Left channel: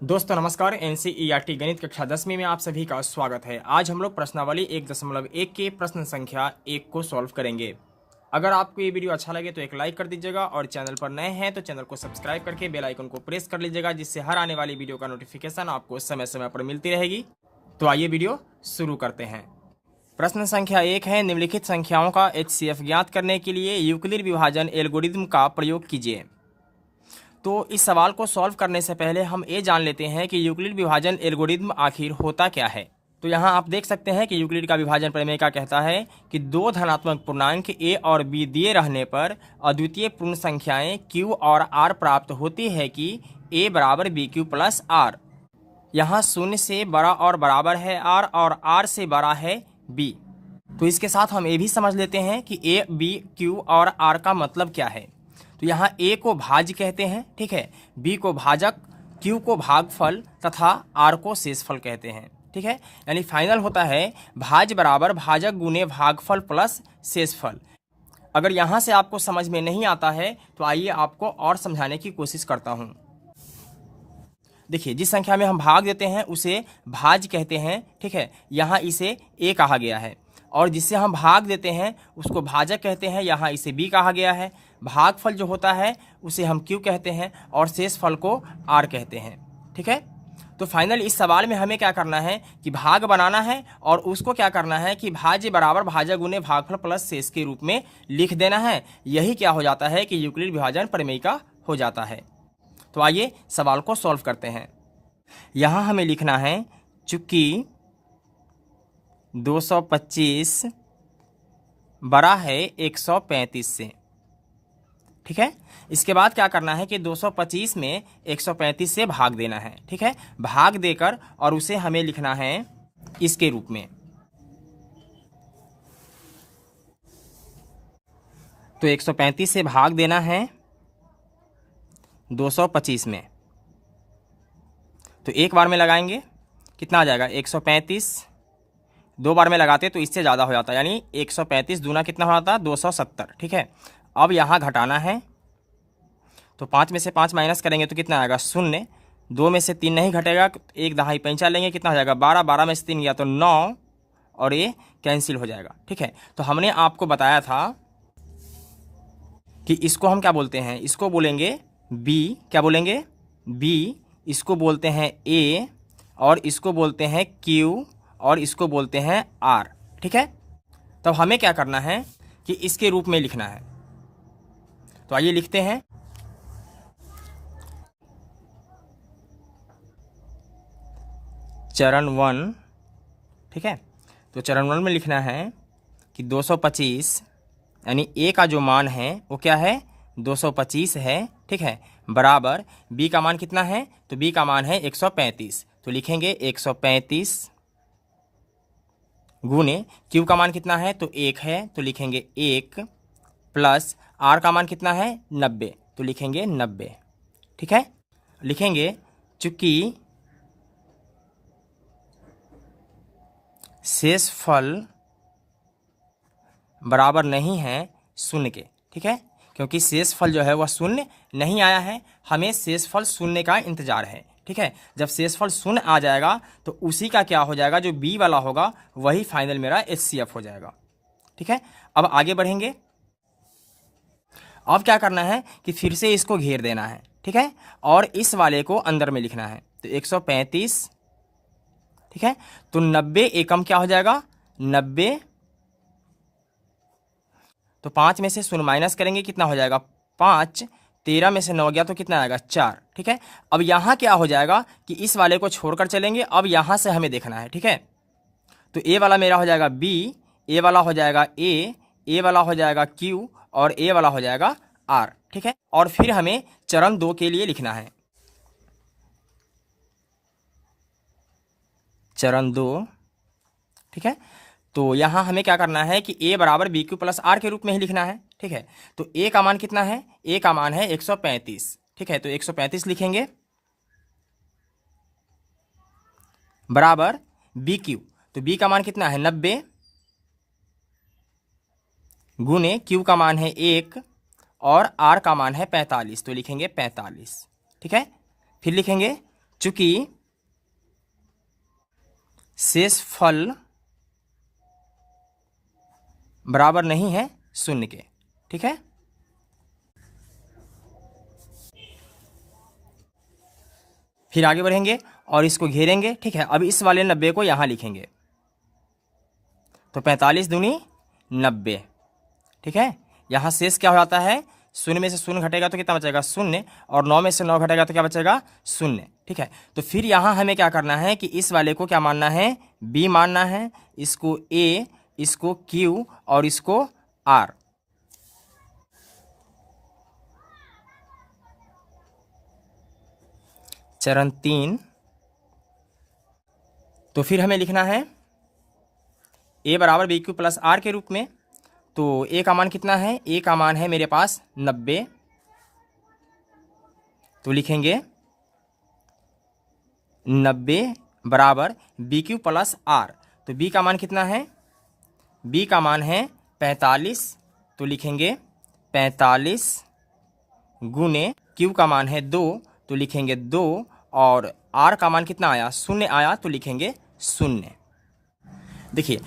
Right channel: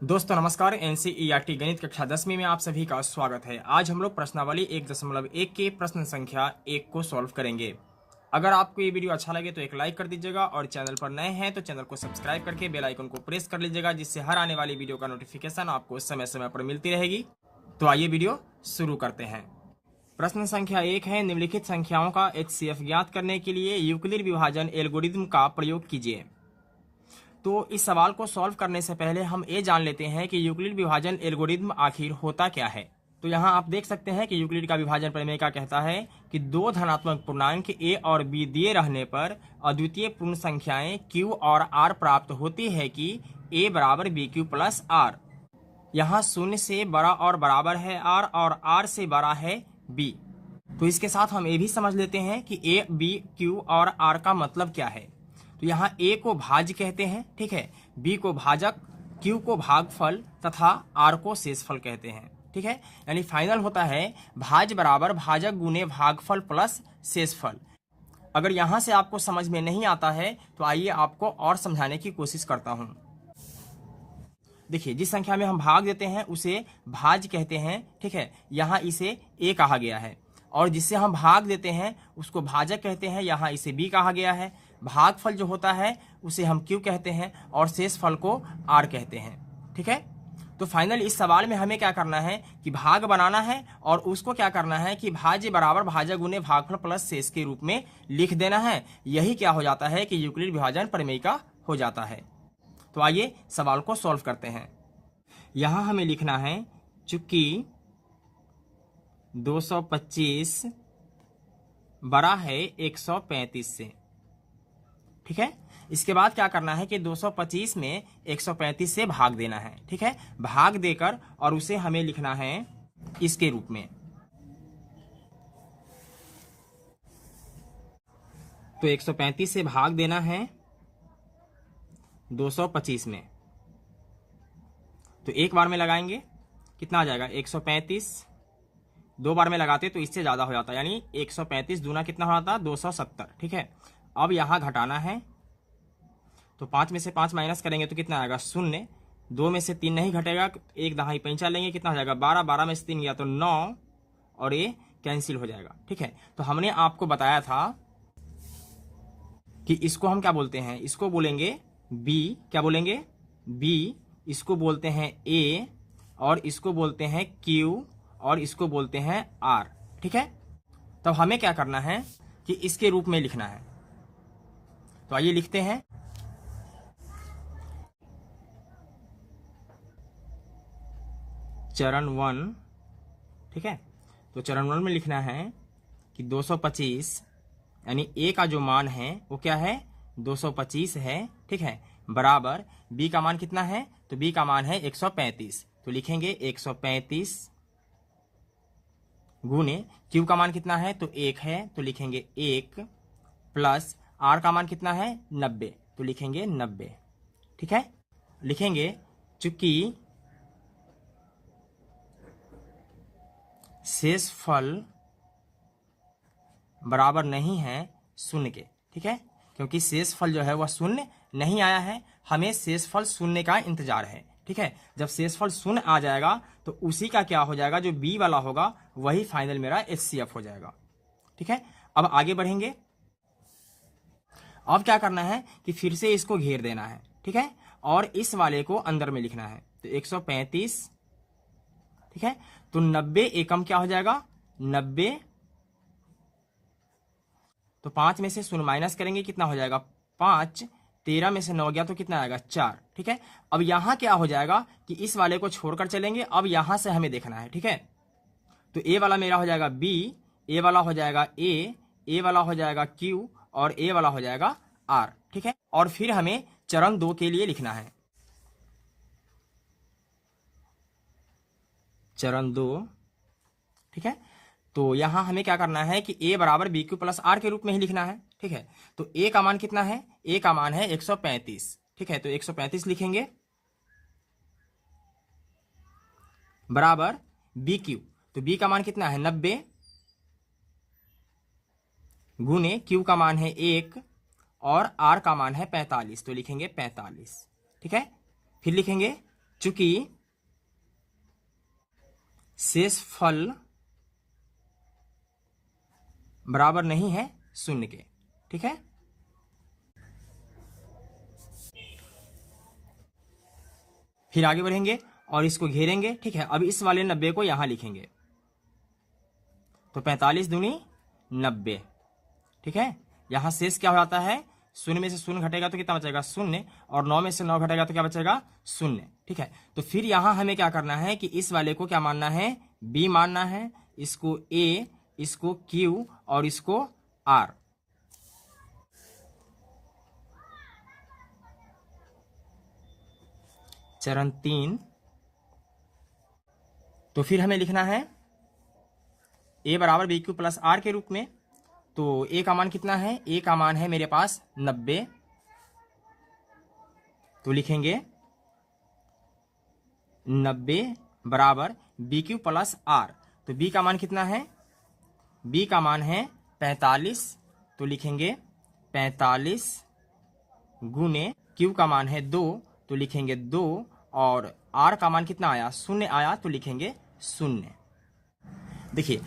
दोस्तों नमस्कार। एनसीईआरटी गणित कक्षा 10वीं में आप सभी का स्वागत है। आज हम लोग प्रश्नावली 1.1 के प्रश्न संख्या 1 को सॉल्व करेंगे। अगर आपको ये वीडियो अच्छा लगे तो एक लाइक कर दीजिएगा और चैनल पर नए हैं तो चैनल को सब्सक्राइब करके बेल आइकन को प्रेस कर लीजिएगा, जिससे हर आने वाली वीडियो का नोटिफिकेशन आपको समय समय पर मिलती रहेगी। तो आइए वीडियो शुरू करते हैं। प्रश्न संख्या 1 है, निम्नलिखित संख्याओं का HCF ज्ञात करने के लिए यूक्लिड विभाजन एल्गोरिथम का प्रयोग कीजिए। तो इस सवाल को सॉल्व करने से पहले हम ये जान लेते हैं कि यूक्लिड विभाजन एल्गोरिथम आखिर होता क्या है। तो यहाँ आप देख सकते हैं कि यूक्लिड का विभाजन प्रमेय क्या कहता है कि दो धनात्मक पूर्णांक a और b दिए रहने पर अद्वितीय पूर्ण संख्याएं q और r प्राप्त होती है कि a बराबर बी क्यू प्लस r। यहाँ शून्य से बड़ा और बराबर है r और r से बड़ा है b। तो इसके साथ हम ये भी समझ लेते हैं कि a, b, q और r का मतलब क्या है। तो यहाँ a को भाज्य कहते हैं, ठीक है, b को भाजक, q को भागफल तथा r को शेषफल कहते हैं, ठीक है। यानी फाइनल होता है भाज्य बराबर भाजक गुने भागफल प्लस शेषफल। अगर यहाँ से आपको समझ में नहीं आता है तो आइए आपको और समझाने की कोशिश करता हूँ। देखिए, जिस संख्या में हम भाग देते हैं उसे भाज्य कहते हैं, ठीक है। यहाँ इसे a कहा गया है और जिससे हम भाग देते हैं उसको भाजक कहते हैं, यहाँ इसे b कहा गया है। भागफल जो होता है उसे हम q कहते हैं और शेषफल को r कहते हैं, ठीक है। तो फाइनल इस सवाल में हमें क्या करना है कि भाग बनाना है और उसको क्या करना है कि भाज्य बराबर भाजक गुने भागफल प्लस शेष के रूप में लिख देना है। यही क्या हो जाता है कि यूक्लिड विभाजन प्रमेय का हो जाता है। तो आइए सवाल को सॉल्व करते हैं। यहाँ हमें लिखना है चूंकि 225 बड़ा है 135 से, ठीक है। इसके बाद क्या करना है कि 225 में 135 से भाग देना है, ठीक है। भाग देकर और उसे हमें लिखना है इसके रूप में। तो 135 से भाग देना है 225 में। तो एक बार में लगाएंगे कितना आ जाएगा 135, दो बार में लगाते तो इससे ज़्यादा हो जाता, यानी 135 दूना कितना हो जाता 270, ठीक है। अब यहाँ घटाना है तो 5 में से 5 माइनस करेंगे तो कितना आएगा 0। 2 में से 3 नहीं घटेगा, एक दहाई पैंचा लेंगे, कितना हो जाएगा 12। 12 में से 3 गया तो 9 और ये कैंसिल हो जाएगा, ठीक है। तो हमने आपको बताया था कि इसको हम क्या बोलते हैं, इसको बोलेंगे b। क्या बोलेंगे b। इसको बोलते हैं a और इसको बोलते हैं q और इसको बोलते हैं r, ठीक है। तब हमें क्या करना है कि इसके रूप में लिखना है। तो आइए लिखते हैं। चरण 1, ठीक है। तो चरण 1 में लिखना है कि 225 यानी a का जो मान है वो क्या है 225 है, ठीक है, बराबर b का मान कितना है तो b का मान है 135। तो लिखेंगे 135 गुने q का मान कितना है तो 1 है तो लिखेंगे 1 प्लस r का मान कितना है 90 तो लिखेंगे 90, ठीक है। लिखेंगे चूंकि शेषफल बराबर नहीं है शून्य के, ठीक है, क्योंकि शेषफल जो है वह शून्य नहीं आया है, हमें शेषफल शून्य का इंतजार है, ठीक है। जब शेषफल शून्य आ जाएगा तो उसी का क्या हो जाएगा, जो बी वाला होगा वही फाइनल मेरा HCF हो जाएगा, ठीक है। अब आगे बढ़ेंगे। अब क्या करना है कि फिर से इसको घेर देना है, ठीक है, और इस वाले को अंदर में लिखना है। तो 135, ठीक है। तो 90 एकम क्या हो जाएगा 90। तो 5 में से 0 माइनस करेंगे कितना हो जाएगा 5। 13 में से 9 गया तो कितना आएगा 4, ठीक है। अब यहाँ क्या हो जाएगा कि इस वाले को छोड़कर चलेंगे, अब यहाँ से हमें देखना है, ठीक है। तो a वाला मेरा हो जाएगा b, a वाला हो जाएगा a वाला हो जाएगा q और a वाला हो जाएगा r, ठीक है। और फिर हमें चरण 2 के लिए लिखना है। चरण 2, ठीक है। तो यहाँ हमें क्या करना है कि a बराबर बी क्यू प्लस आर के रूप में ही लिखना है, ठीक है। तो a का मान कितना है, a का मान है 135, ठीक है। तो 135 लिखेंगे बराबर बी क्यू। तो b का मान कितना है 90 गुने q का मान है 1 और r का मान है 45। तो लिखेंगे 45, ठीक है। फिर लिखेंगे चूंकि शेषफल बराबर नहीं है शून्य के। ठीक है, फिर आगे बढ़ेंगे और इसको घेरेंगे। ठीक है, अब इस वाले 90 को यहां लिखेंगे, तो 45 दूनी 90। ठीक है, यहां शेष क्या हो जाता है, शून्य में से शून्य घटेगा तो कितना बचेगा, शून्य, और 9 में से 9 घटेगा तो क्या बचेगा, शून्य। ठीक है, तो फिर यहां हमें क्या करना है कि इस वाले को क्या मानना है, बी मानना है, इसको ए, इसको क्यू और इसको आर। चरण 3, तो फिर हमें लिखना है ए बराबर बी क्यू प्लस आर के रूप में। तो ए का मान कितना है, ए का मान है मेरे पास 90, तो लिखेंगे 90 बराबर बी क्यू प्लस आर। तो बी का मान कितना है, बी का मान है 45, तो लिखेंगे 45 गुने क्यू का मान है 2, तो लिखेंगे 2, और आर का मान कितना आया, शून्य आया, तो लिखेंगे 0। देखिए,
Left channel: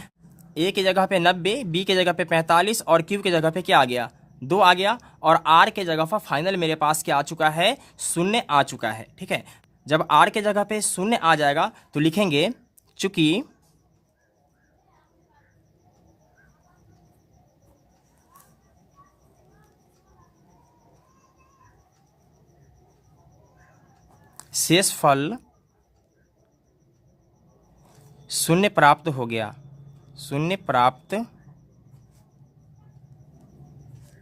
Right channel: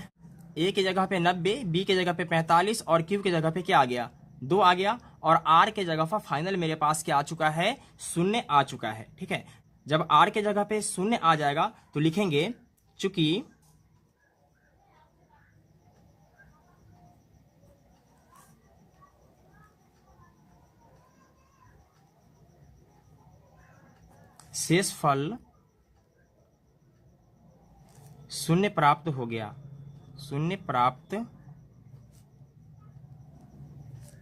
ए की जगह पे 90, बी की जगह पे 45 और क्यू की जगह पे क्या आ गया, 2 आ गया, और आर के जगह पर फाइनल मेरे पास क्या आ चुका है, 0 आ चुका है। ठीक है, जब आर के जगह पे 0 आ जाएगा तो लिखेंगे चूंकि शेषफल 0 प्राप्त हो गया, 0 प्राप्त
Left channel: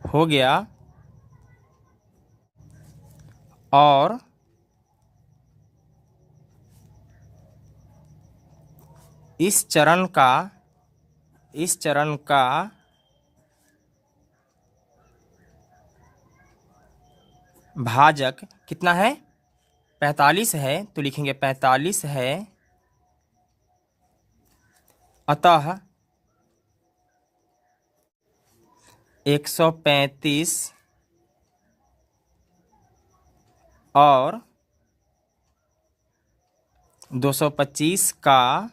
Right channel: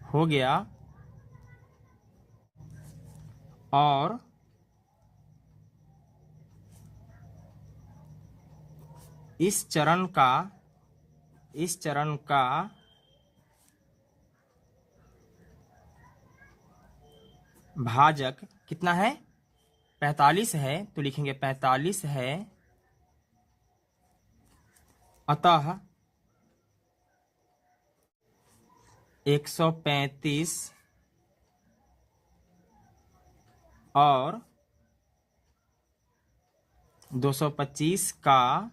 हो गया, और इस चरण का भाजक कितना है, 45 है, तो लिखेंगे 45 है, अतः 135 और 225 का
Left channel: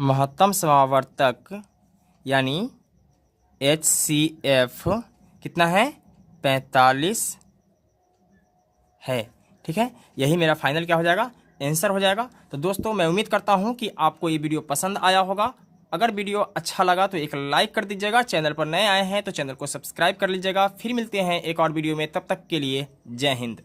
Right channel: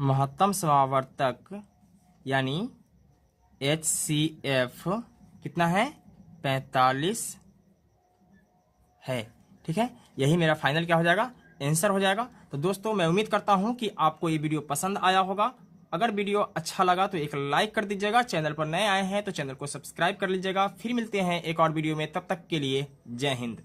महत्तम समावर्तक यानी HCF कितना है, 45 है। ठीक है, यही मेरा फाइनल क्या हो जाएगा, आंसर हो जाएगा। तो दोस्तों, मैं उम्मीद करता हूं कि आपको ये वीडियो पसंद आया होगा। अगर वीडियो अच्छा लगा तो एक लाइक कर दीजिएगा, चैनल पर नए आए हैं तो चैनल को सब्सक्राइब कर लीजिएगा। फिर मिलते हैं एक और वीडियो में, तब तक के लिए जय हिंद।